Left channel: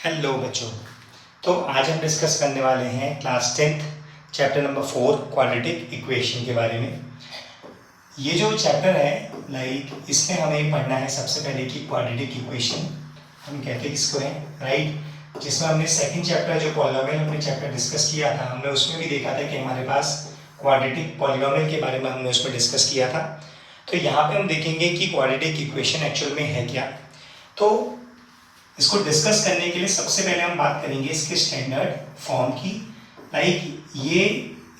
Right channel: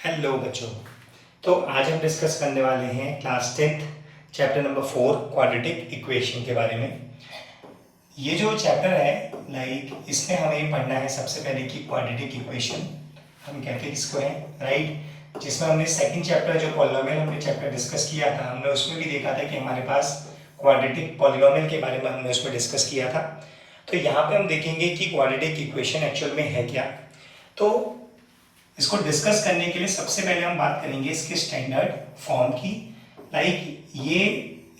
Hello बच्चों। तो आज हम डिस्कस करने वाले हैं class 10th chapter number 4 quadratic equation के बारे में। ये जो चैप्टर है इसमें हमें पढ़ना है सबसे पहले कि क्वाड्रेटिक इक्वेशन हम कहते हैं किसको है, राइट। जिसमें हमने सेकंड चैप्टर जो पॉलिनोमियल हमने चैप्टर डिस्कस किया था, हमने उसमें भी देखा था कि हमारे पास क्वाड्रेटिक पॉलिनोमियल के बारे में हमने उसमें डिस्कस किया था। तो यहाँ पे हम देखेंगे कि क्वाड्रेटिक इक्वेशन एक्चुअल में है क्या। तो इसको डिस्कस करने के लिए सबसे पहले हम बात करेंगे इसके स्टैंडर्ड फॉर्म की। ये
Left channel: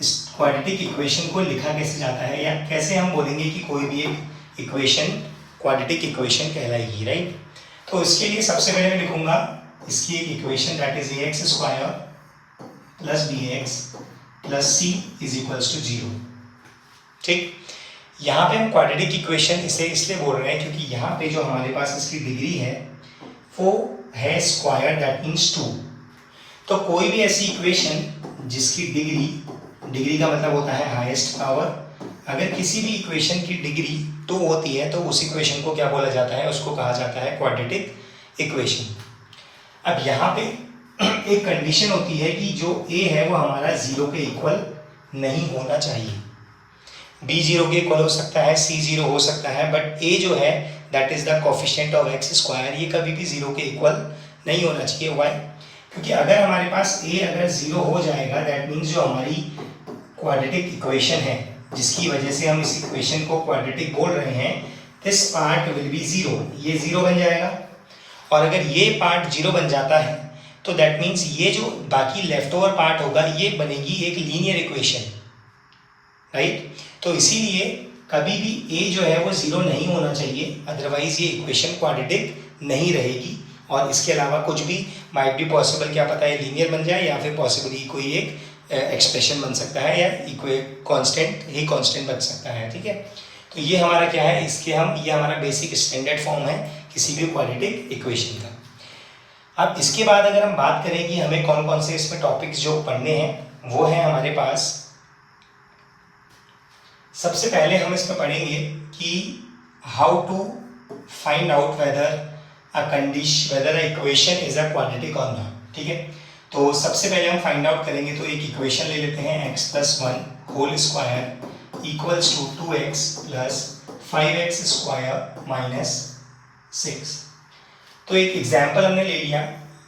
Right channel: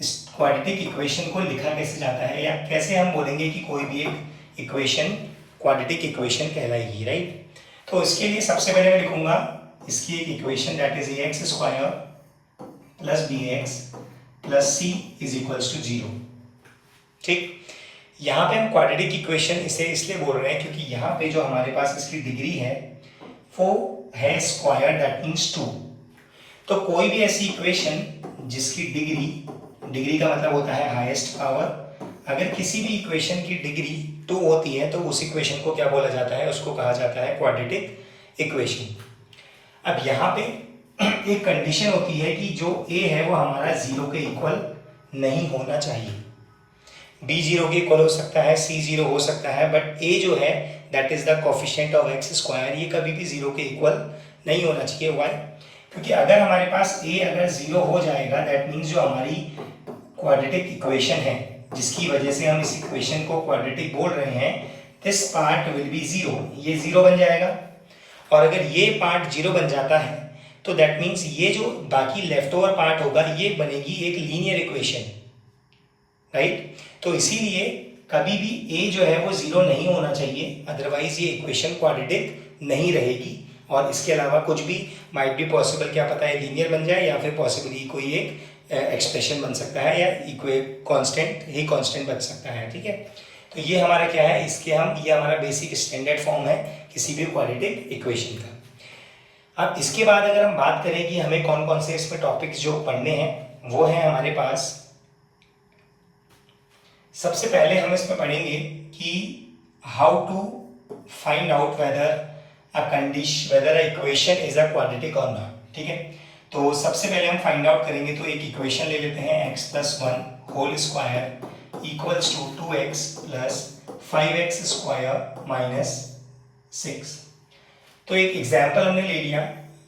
इस क्वाड्रेटिक इक्वेशन को लिखा कैसे जाता है, या कैसे हम बोलेंगे कि कोई भी एक इक्वेशन क्वाड्रेटिक इक्वेशन कहलाएगी, राइट। तो इसके लिए सबसे पहले मैं लिखूंगा इसकी एक equation that is ax square plus bx plus c is equals to 0। ठीक, यहाँ पे हम क्वाड्रेटिक इक्वेशन इसे इसलिए बोल रहे हैं क्योंकि यहाँ पे जो हमारे पास इसकी डिग्री है वो है स्क्वायर, दैट मीन्स 2। तो कोई भी ऐसी इक्वेशन जिसकी डिग्री का मतलब होता है हाईएस्ट पावर, अगर किसी भी इक्वेशन की डिग्री 2 होती है तो उस इक्वेशन को क्या बोला जाता है, उसको कहा जाता है क्वाड्रेटिक इक्वेशन। अब यहाँ पे एक कंडीशन होती है कि जो a है वो हमारा 0 के इक्वल नहीं होना चाहिए। b 0 के इक्वल हो सकता है, c 0 हो सकता है, बट a जो है that is the coefficient of x square, ये कभी भी 0 के इक्वल नहीं होना चाहिए। वाई? क्योंकि अगर हमारे पास a अगर 0 हो जाएगा दैट मीन्स जो हमारी क्वाड्रेटिक इक्वेशन है जिसकी वजह से हम इस इक्वेशन को क्वाड्रेटिक बोल रहे हैं, दिस पार्ट विल बी 0, ये 0 बन जाएगा। और अगर ये पार्ट 0 बन जाता है तो दैट मीन्स ये जो बाकी लेफ्ट ओवर पार्ट होगा ये बनेगी एक लीनियर इक्वेशन, राइट। तो इसीलिए कभी भी a जो है वो 0 नहीं होना चाहिए, अदरवाइज ये इक्वेशन क्वाड्रेटिक नहीं रहेगी। और इसके अलावा कुछ भी माइट बी पॉसिबल, क्या पता है लीनियर बन जाए या फिर पॉसिबली कोई एक एक्सप्रेशन बन सकता है, या कांस्टेंट बन सकता है, ठीक है। तो ये हमारा क्या है, ये हमारा बेसिक स्टैंडर्ड फॉर्म है किसी भी क्वाड्रेटिक इक्वेशन का। अब इसके बाद अगर हम बात करें कि हमें कौन कौन से इसमें टॉपिक्स जो पढ़ने हैं, वो है हमारे पास सबसे पहले हम इसमें पढ़ेंगे कि how to find out whether a equation is a quadratic और नॉट, ठीक है। तो सबसे पहले हम फाइंड आउट करेंगे, तो एक इक्वेशन ले लेते हैं x plus 1 whole square equals to 2x plus 5x square minus 6। तो एक एग्जाम्पल हमने ले लिया,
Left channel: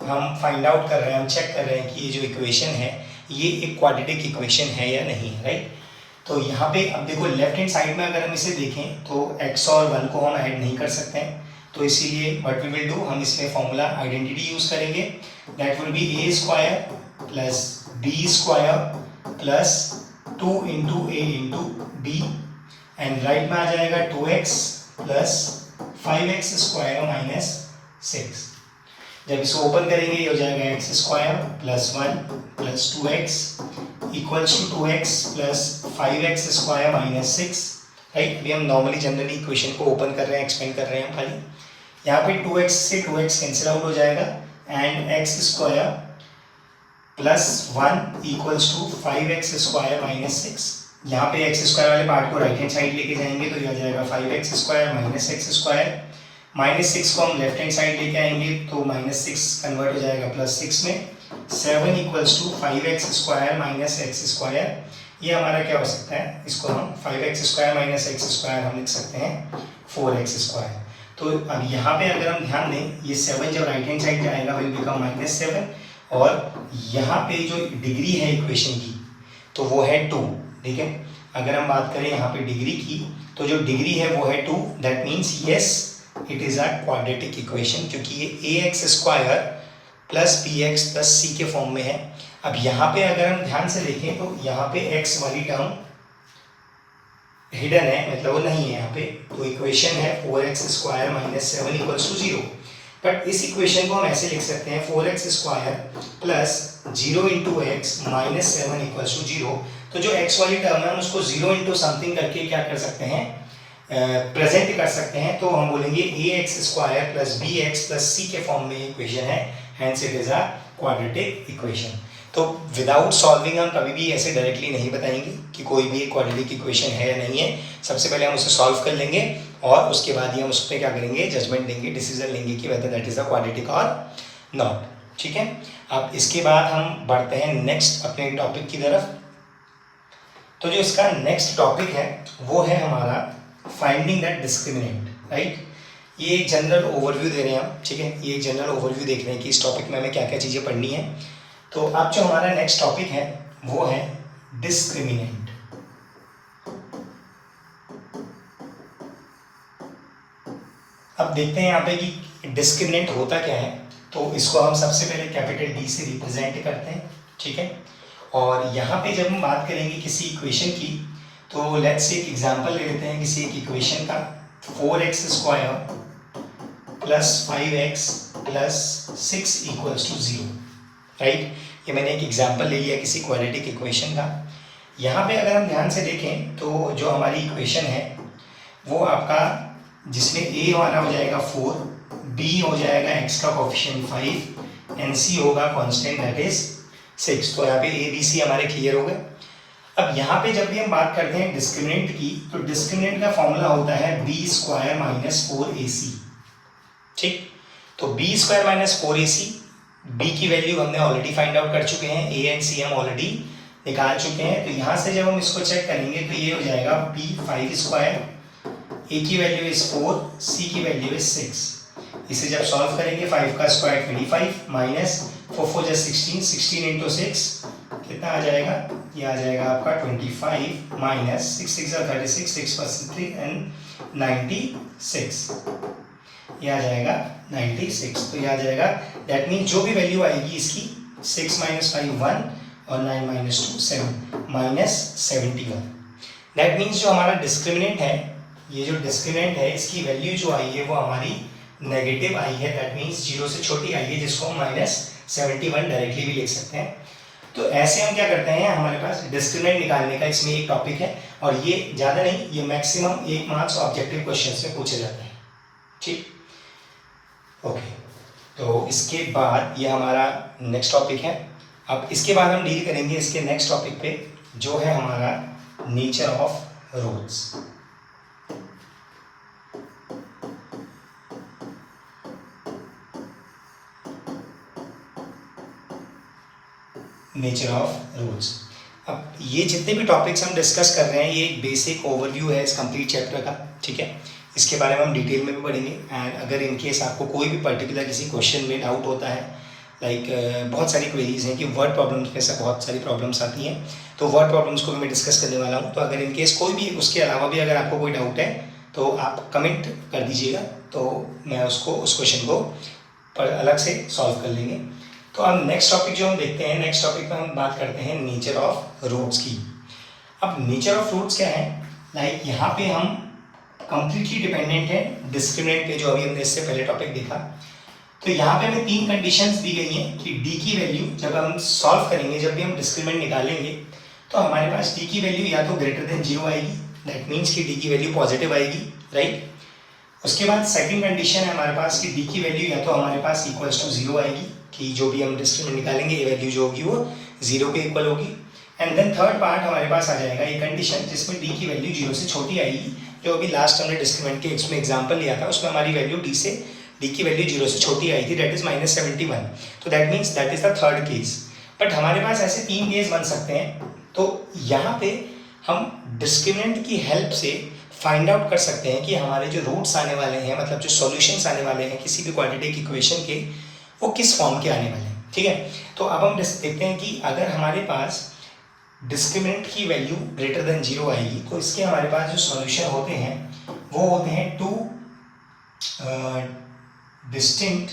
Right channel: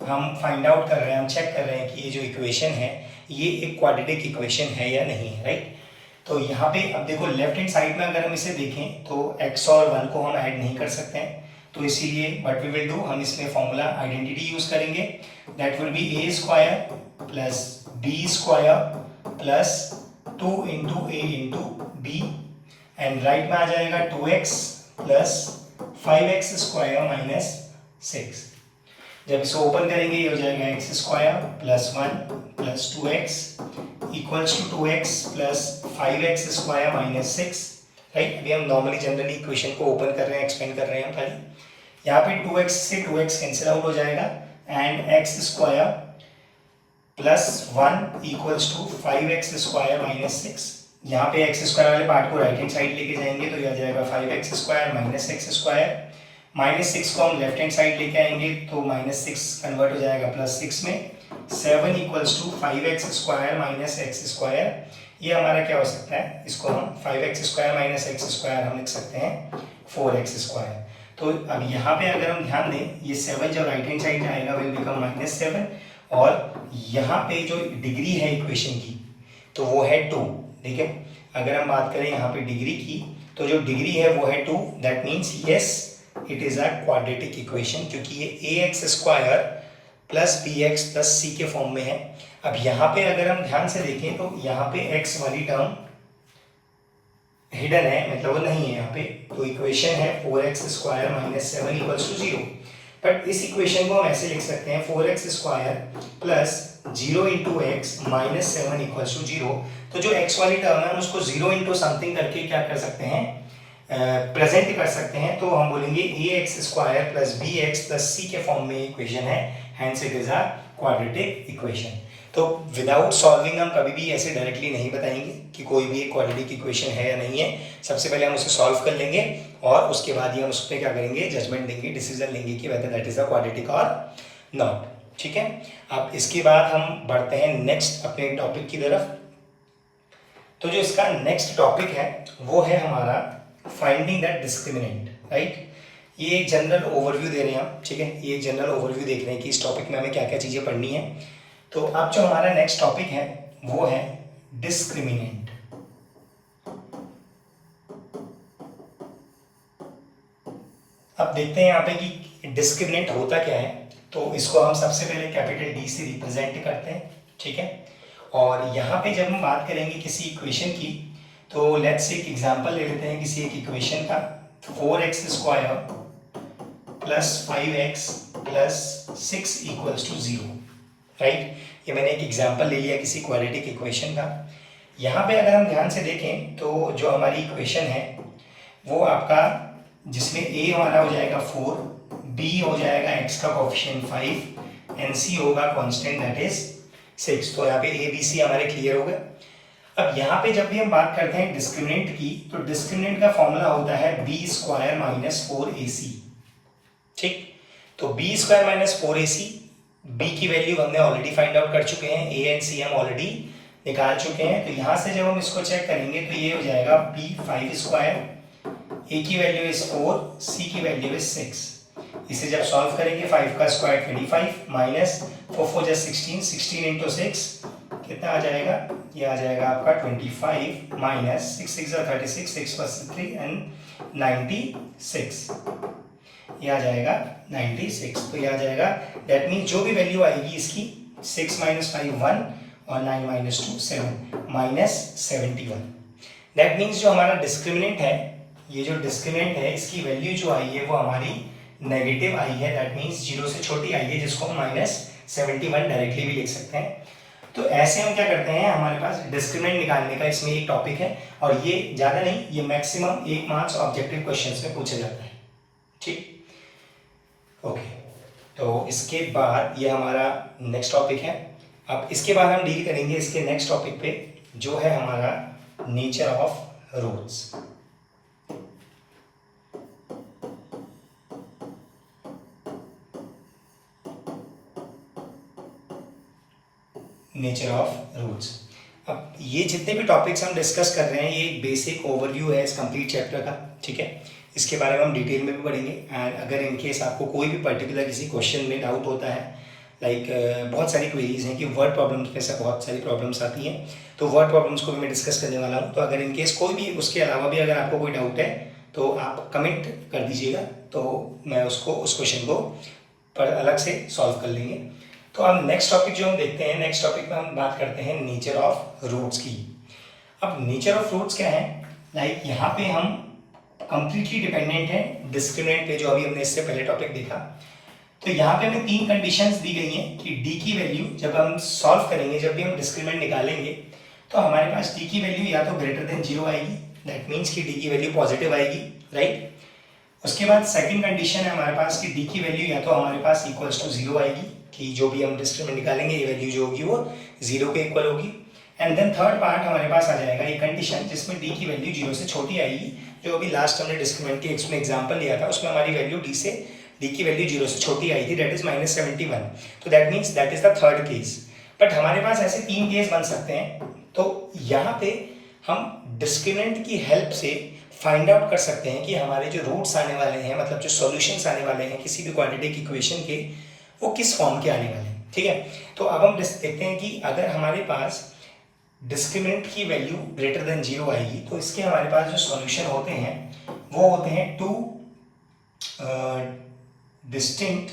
हम फाइंड आउट कर रहे हैं, हम चेक कर रहे हैं कि ये जो इक्वेशन है ये एक क्वाड्रेटिक इक्वेशन है या नहीं, राइट। तो यहाँ पे अब देखो लेफ्ट हैंड साइड में अगर हम इसे देखें तो x और 1 को हम ऐड नहीं कर सकते हैं, तो इसीलिए व्हाट वी विल डू, हम इसमें फॉर्मूला आइडेंटिटी यूज करेंगे, that will be a square plus b square plus 2 into a into b, and right में आ जाएगा 2x plus 5x square minus 6। जब इसे ओपन करेंगे ये हो जाएगा x square plus 1 plus 2x equals to 2x plus 5x square minus 6, right. अभी हम नॉर्मली जनरली इक्वेशन को ओपन कर रहे हैं, एक्सपेंड कर रहे हैं हम खाली। यहाँ पे 2x से 2x कैंसिल आउट हो जाएगा and x square plus 1 equals to 5x square minus 6। यहाँ पे x स्क्वायर वाले पार्ट को राइट हैंड साइड लेके जाएंगे तो यह आ जाएगा 5x square minus x square, minus 6 को हम लेफ्ट हैंड साइड लेके आएंगे तो माइनस 6 कन्वर्ट हो जाएगा प्लस 6 में, 7 equals to 5x square minus x square. ये हमारा क्या हो सकता है, इसको हम 5x square minus x square हम लिख सकते हैं 4x स्क्वायर। तो अब यहाँ पे अगर हम ध्यान दें, ये 7 जब राइट हैंड साइड जाएगा विल बिकम माइनस 7, और यहाँ पे जो डिग्री है इक्वेशन की तो वो है 2, ठीक है। अगर हम बात करें यहाँ पे डिग्री की, तो जो डिग्री है वो है 2, that means yes it is a quadratic equation, क्योंकि ये ax square plus bx plus c के फॉर्म में है। अब यहाँ पे अगर हम ध्यान से देखें तो यहाँ पे x वाली टर्म हिडन है, मतलब वो नहीं है यहाँ पे, तो इक्वेशन है 4x square minus 7 equals to 0। But इस इक्वेशन को हम ऐसे लिख सकते हैं 4x square plus 0 into X minus 7 equals to 0। तो जो x वाली टर्म है हम उसको 0 इंटू समथिंग करके क्या कर सकते हैं, प्रेजेंट कर सकते हैं। तो हम बोलेंगे ax square plus bx plus c के फॉर्म में इक्वेशन है, hence it is a quadratic equation. तो विदाउट सॉल्विंग हम कभी भी ऐसे डायरेक्टली नहीं बताएंगे कि कोई भी एक क्वाड्रेटिक इक्वेशन है या नहीं है। सबसे पहले हम उसे सॉल्व कर लेंगे और उसके बाद ही हम उस पर क्या करेंगे, जजमेंट देंगे, डिसीजन लेंगे कि whether that is a quadratic और नॉट। ठीक है। अब इसके बाद हम बढ़ते हैं नेक्स्ट अपने टॉपिक की तरफ। तो जो इसका नेक्स्ट टॉपिक है वो है हमारा फाइंडिंग दैट डिस्क्रिमिनेंट, राइट। ये एक जनरल ओवरव्यू दे रहे हैं हम, ठीक है। ये एक जनरल ओवरव्यू देख रहे हैं कि इस टॉपिक में हमें क्या क्या चीज़ें पढ़नी है। तो अब जो हमारा नेक्स्ट टॉपिक है वो है डिस्क्रिमिनेंट। अब देखते हैं यहाँ पे कि डिस्क्रिमिनेंट होता क्या है। तो इसको हम सबसे पहले कैपिटल डी से रिप्रेजेंट करते हैं, ठीक है। और यहाँ पे जब हम बात करेंगे किसी इक्वेशन की, तो लेट्स से एक एग्जांपल ले लेते हैं किसी एक इक्वेशन का, 4x square plus 5x plus 6 equals to 0, right. ये मैंने एक एग्जांपल ले लिया किसी क्वाड्रेटिक इक्वेशन का। यहाँ पे अगर हम ध्यान से देखें तो जो हमारी इक्वेशन है वो आपका, जिसमें a हमारा हो जाएगा 4, b हो जाएगा x का कोएफिशिएंट 5 एंड c होगा कांस्टेंट दैट इज 6। तो यहाँ पे a b c हमारे क्लियर हो गए। अब यहाँ पे जब भी हम बात करते हैं डिस्क्रिमिनेंट की, तो डिस्क्रिमिनेंट का फॉर्मूला होता है b स्क्वायर माइनस 4ac, ठीक। तो b square minus 4ac, b की वैल्यू हमने ऑलरेडी फाइंड आउट कर चुके हैं, a एंड c हम ऑलरेडी निकाल चुके हैं। तो यहाँ से जब हम इसको चेक करेंगे तो ये हो जाएगा b 5 स्क्वायर, a की वैल्यू इज 4, c की वैल्यू इज 6। इसे जब सॉल्व करेंगे 5 का स्क्वायर 25 माइनस 4 4 जा 16, 16 इंटू 6 कितना आ जाएगा, ये आ जाएगा आपका 25 माइनस 6 6 जा 36, 6 प्लस 3 एंड 96, ये आ जाएगा 96। तो ये आ जाएगा, दैट मीन जो भी वैल्यू आएगी इसकी 6 माइनस 5 1 और 9 माइनस 2 7 माइनस 71। दैट मीन्स जो हमारा डिस्क्रिमिनेंट है, ये जो डिस्क्रिमिनेंट है इसकी वैल्यू जो आई है वो हमारी नेगेटिव आई है। दैट मीन्स 0 से छोटी आई है, जिसको हम माइनस 71 डायरेक्टली भी लिख सकते हैं। तो ऐसे हम क्या करते हैं, हमारे पास डिस्क्रिमिनेंट निकालने का इसमें एक टॉपिक है, और ये ज़्यादा नहीं, ये मैक्सिमम 1 मार्क्स ऑब्जेक्टिव क्वेश्चन में पूछे जाते हैं, ठीक। ओके, तो इसके बाद ये हमारा नेक्स्ट टॉपिक है। अब इसके बाद हम डील करेंगे इसके नेक्स्ट टॉपिक पे, जो है हमारा nature of roots. Nature of roots. अब ये जितने भी टॉपिक्स हम डिस्कस कर रहे हैं, ये एक बेसिक ओवरव्यू है इस कंप्लीट चैप्टर का, ठीक है। इसके बारे में हम डिटेल में भी पढ़ेंगे। एंड अगर इन केस आपको कोई भी पर्टिकुलर किसी क्वेश्चन में डाउट होता है, लाइक बहुत सारी क्वेरीज हैं कि वर्ड प्रॉब्लम्स में से बहुत सारी प्रॉब्लम्स आती हैं, तो वर्ड प्रॉब्लम्स को भी मैं डिस्कस करने वाला हूँ। तो अगर इन केस कोई भी उसके अलावा भी अगर आपको कोई डाउट है तो आप कमेंट कर दीजिएगा, तो मैं उसको उस क्वेश्चन को पर अलग से सॉल्व कर लेंगे। तो अब नेक्स्ट टॉपिक जो हम देखते हैं, नेक्स्ट टॉपिक में हम बात करते हैं नेचर ऑफ रूट्स की। अब नेचर ऑफ रूट्स क्या है, लाइक यहाँ पे हम कंप्लीटली डिपेंडेंट है डिस्क्रिमिनेंट पे, जो अभी हमने इससे पहले टॉपिक देखा। तो यहाँ पे हमें 3 कंडीशंस दी गई हैं कि डी की वैल्यू जब हम सॉल्व करेंगे, जब भी हम डिस्क्रिमिनेंट निकालेंगे, तो हमारे पास डी की वैल्यू या तो ग्रेटर देन 0 आएगी, दैट मीन्स कि डी की वैल्यू पॉजिटिव आएगी, राइट। उसके बाद सेकंड कंडीशन है हमारे पास कि डी की वैल्यू या तो हमारे पास इक्वल्स टू 0 आएगी, कि जो भी हम डिस्क्रिमिनेंट निकालेंगे ये वैल्यू जो होगी वो 0 के इक्वल होगी। एंड देन थर्ड पार्ट हमारे पास आ जाएगा ये कंडीशन जिसमें डी की वैल्यू 0 से छोटी आएगी, जो अभी लास्ट हमने डिस्क्रिमिनेंट के इसमें एग्जाम्पल लिया था, उसमें हमारी वैल्यू डी की वैल्यू 0 से छोटी आई थी, दैट इज माइनस 71। तो that means that is the third case. But हमारे पास ऐसे 3 केस बन सकते हैं। तो यहाँ पे हम डिस्क्रिमिनेंट की हेल्प से फाइंड आउट कर सकते हैं कि हमारे जो रूट्स आने वाले हैं, मतलब जो सॉल्यूशंस आने वाले हैं किसी भी क्वाड्रेटिक इक्वेशन के, वो किस फॉर्म के आने वाले हैं, ठीक है। तो अब हम देखते हैं कि अगर हमारे पास डिस्क्रिमिनेंट की वैल्यू ग्रेटर देन 0 आएगी, तो इसके हमारे पास जो सॉल्यूशन होते हैं वो होते हैं 2 डिस्टिंक्ट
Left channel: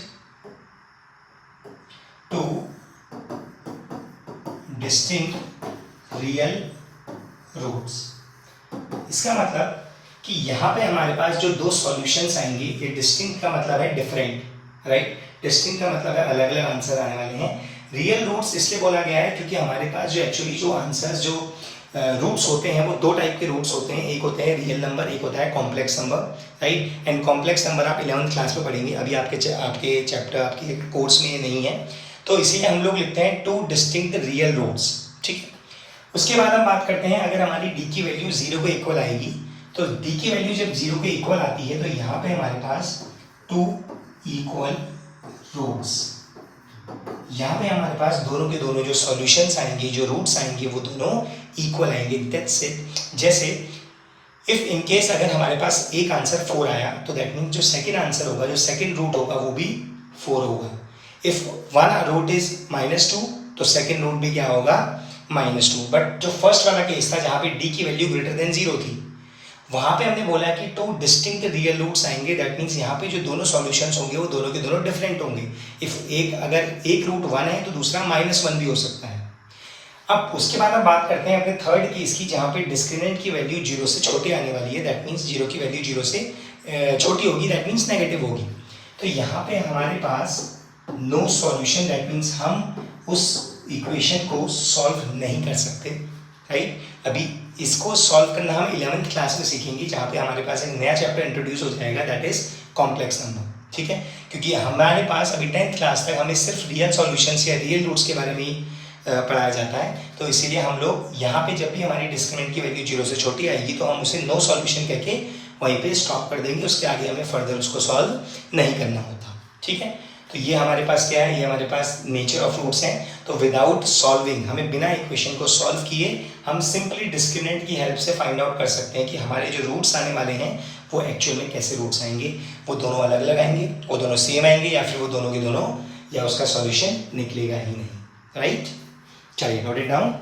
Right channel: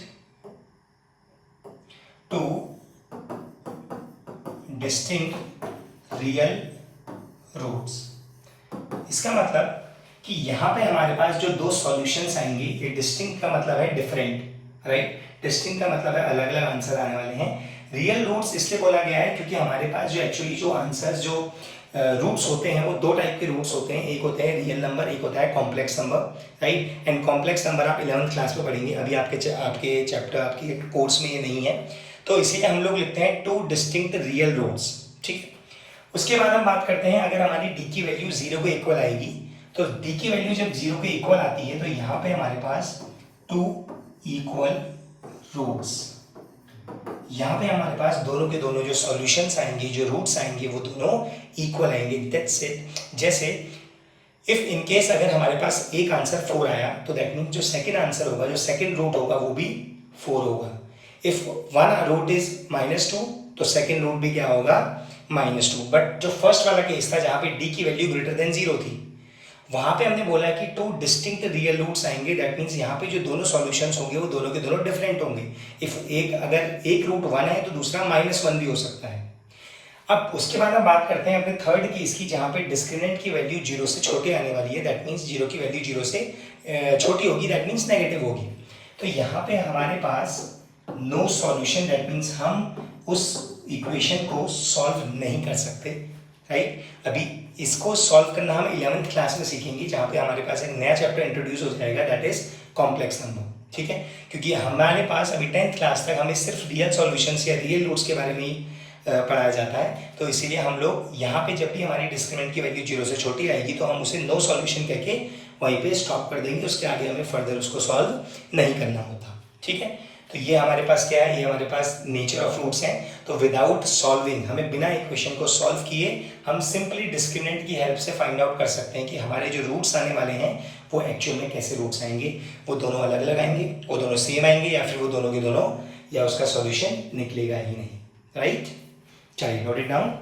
रियल रूट्स। इसका मतलब कि यहाँ पे हमारे पास जो 2 सॉल्यूशंस आएंगे, ये डिस्टिंक्ट का मतलब है डिफरेंट, राइट। डिस्टिंक्ट का मतलब है अलग अलग आंसर आने वाले हैं। रियल रूट्स इसलिए बोला गया है क्योंकि हमारे पास जो एक्चुअली जो आंसर्स जो रूट्स होते हैं वो 2 टाइप के रूट्स होते हैं, एक होता है रियल नंबर, एक होता है complex number, right. And complex number आप 11th क्लास में पढ़ेंगे, अभी आपके चैप्टर आपके कोर्स में ये नहीं है, तो इसीलिए हम लोग लिखते हैं 2 डिस्टिंक्ट रियल रूट्स, ठीक है। उसके बाद हम बात करते हैं अगर हमारी डी की वैल्यू 0 के इक्वल आएगी, तो डी की वैल्यू जब 0 के इक्वल आती है तो यहाँ पे हमारे पास 2 इक्वल रूट्स यहाँ पे हमारे पास दोनों के दोनों जो सॉल्यूशंस आएंगे, जो रूट्स आएंगे, वो दोनों इक्वल आएंगे। That's it. जैसे इफ इन केस अगर हमारे पास एक आंसर 4 आया तो दैट मीन्स जो सेकंड आंसर होगा, जो सेकंड रूट होगा वो भी 4 होगा। इफ वन रूट इज -2 तो सेकंड रूट भी क्या होगा, -2। बट जो फर्स्ट वाला केस था जहाँ पे डी की वैल्यू ग्रेटर देन 0 थी, वहाँ पे हमने बोला कि 2 डिस्टिंक्ट रियल रूट्स आएंगे। दैट मीन्स यहाँ पे जो दोनों सॉल्यूशंस होंगे वो दोनों के दोनों डिफरेंट होंगे। इफ अगर एक रूट 1 है तो दूसरा -1 भी हो सकता है। अब उसके बाद हम बात करते हैं अपने थर्ड केस की, जहाँ पे डिस्क्रिमिनेंट की वैल्यू 0 से छोटे आने वाली है। दैट मीन्स 0 की वैल्यू 0 से छोटी होगी, दैट मीन्स नेगेटिव होगी। तो यहाँ पे हमारे पास नो सॉल्यूशन, दैट मीन्स हम उस इक्वेशन को सॉल्व नहीं कर सकते, राइट। अभी इसको सॉल्व करना हम 11th क्लास में सीखेंगे, जहाँ पे हमारे पास एक नया चैप्टर इंट्रोड्यूस हो जाएगा, दैट इज कॉम्प्लेक्स नंबर, ठीक है। क्योंकि हमारे पास अभी 10th क्लास तक हमें सिर्फ रियल सॉल्यूशंस या रियल रूट्स के बारे में ही पढ़ाया जाता है। तो इसीलिए हम लोग यहाँ पे जब भी हमारी डिस्क्रिमिनेंट की वैल्यू 0 से छोटी आएगी तो हम उसे नो सॉल्यूशन कह के वहीं पे स्टॉप कर देंगे, उसके आगे हमें फर्दर उसको सॉल्व नहीं करना होता, ठीक है। तो ये हमारे पास क्या है, ये हमारे पास नेचर ऑफ रूट्स हैं। तो विदाउट सॉल्विंग, हमें बिना इक्वेशन को सॉल्व किए हम सिंपली डिस्क्रिमिनेंट की हेल्प से फाइंड आउट कर सकते हैं कि हमारे जो रूट्स आने वाले हैं वो एक्चुअल में कैसे रूट्स आएंगे। वो दोनों अलग अलग आएंगे, वो दोनों सेम आएंगे, या फिर वो दोनों के दोनों, या उसका सॉल्यूशन निकलेगा ही नहीं, राइट। चलिए, नोट इट डाउन।